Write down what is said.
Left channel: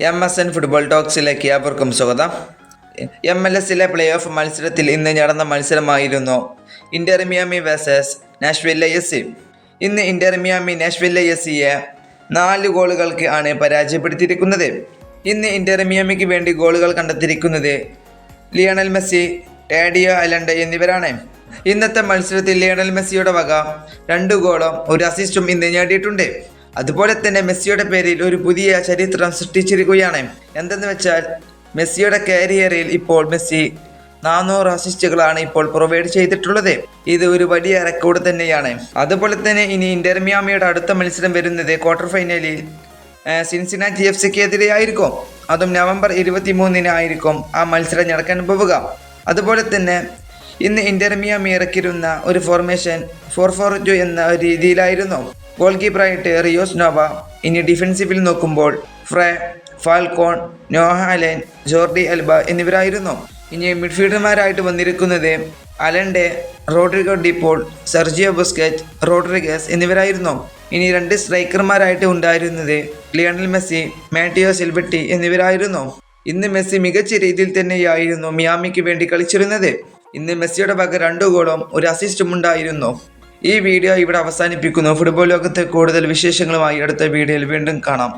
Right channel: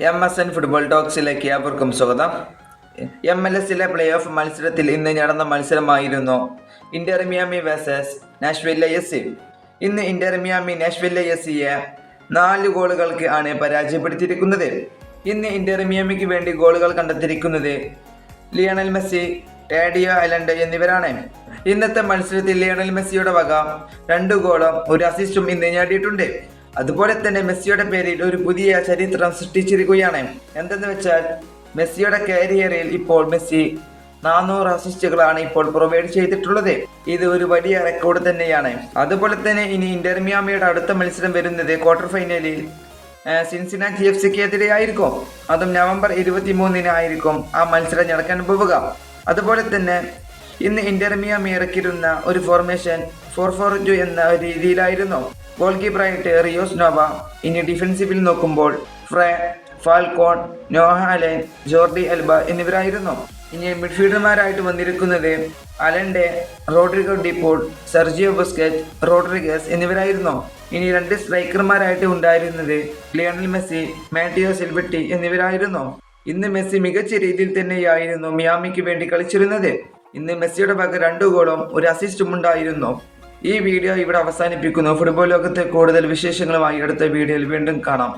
M S N football ടോക്സിലേക്ക് അവർക്കും സ്വാഗതം. എം എൽ എസിലെ പ്ലേ ഓഫ് മത്സരത്തിൽ ഇന്ന് നടന്ന മത്സരമായിരുന്നു Inter Miami versus Nashville S ഇന്ന് ഇന്റർ മിയാമി നാഷ്വെല്ല എസ് സിയെ നാല് ഗോളുകൾക്ക് ആണ് പരാജയപ്പെടുത്തിയിരിക്കുന്നത്. ഇന്ന് ഇന്റർ മിയാമിക്ക് വേണ്ടി ഗോളുകൾ കണ്ടെത്തിയിരിക്കുന്നത് ലിയണൽ മെസ്സി ടാഡിയോ അലണ്ട് എന്നിവരാണ്. ഇന്നത്തെ മത്സരത്തിൽ ലിയണൽ മെസ്സിയുടെ വക രണ്ട് ഗോളും ഒരു അസിസ്റ്റും ഇന്ന് നേടിയിട്ടുണ്ട്. അതുപോലെ തന്നെ മെസ്സിയുടെ പേരിൽ ഒരു പുതിയ ചരിത്രം സൃഷ്ടിച്ചിരിക്കുകയാണ്. എന്തെന്ന് വെച്ചാൽ മെസ്സിയുടെ കരിയറിൽ ഇപ്പോൾ മെസ്സി നാനൂറ് അസിസ്റ്റുകളാണ് ഇപ്പോൾ പ്രൊവൈഡ് ചെയ്തിട്ടുള്ളത്. ഇത് ഒരു വലിയ റെക്കോർഡ് തന്നെയാണ്. അതുപോലെ തന്നെ ഇനി ഇന്റർമിയാമിയുടെ അടുത്ത മത്സരം വരുന്നത് ക്വാർട്ടർ ഫൈനലിൽ സിൻസിനാറ്റി എഫ് സിക്ക് എതിരെ ആയിരിക്കും. അതും നവംബർ ഇരുപത്തി മൂന്നിനായിരിക്കും ആ മത്സരം നടക്കാൻ പോവുക. അതുപോലെ തന്നെ ഇന്ന് ഇന്റർമിയ മിയാമി ഇറക്കിയിരുന്ന ഒരു ഫോർമേഷൻ ഫോർ ഫോർ ടു എന്ന രീതിയിലായിരുന്നു. ഗോൾ കീപ്പറായിട്ട് റിയോസ് നോവ ഇനി ഡിഫൻസീവിൽ നോക്കുമ്പോൾ ഫ്രേ ഫാൽക്കോൺ നോഹാലൻ ജോർഡി അൽബ എന്നിവരായിരുന്നു. ഇനി മിഡ്ഫീൽഡർമാരായിട്ട് വന്നിരിക്കുന്നത് Allende Rodrigo De Paul Sergio Busquets Rodriguez എന്നിവരായിരുന്നു. ഇനി രണ്ട് സ്ട്രൈക്കർമാരായിട്ട് ഉണ്ടായിരുന്നത് ലിയണൽ മെസ്സി മാറ്റിയോ സിൽബട്ടി എന്നിവരായിരുന്നു. ഇന്ന് മെസ്സി മികച്ച രീതിയിൽ തന്നെയായിരുന്നു മിയാമിക്ക് വേണ്ടി കളിച്ചിരുന്നത്. ഇന്ന് മെസ്സിയുടെ വക രണ്ടു ഗോളും ഒരു അസിസ്റ്റും ഉണ്ടായിരുന്നു. ഈ വീഡിയോ ഇവിടെ അവസാനിപ്പിക്കുന്നു. ഫുട്ബോൾ ലോകത്തെ കൂടുതൽ വിശേഷങ്ങളുമായി അടുത്ത വീഡിയോയിൽ വീണ്ടും കാണാം.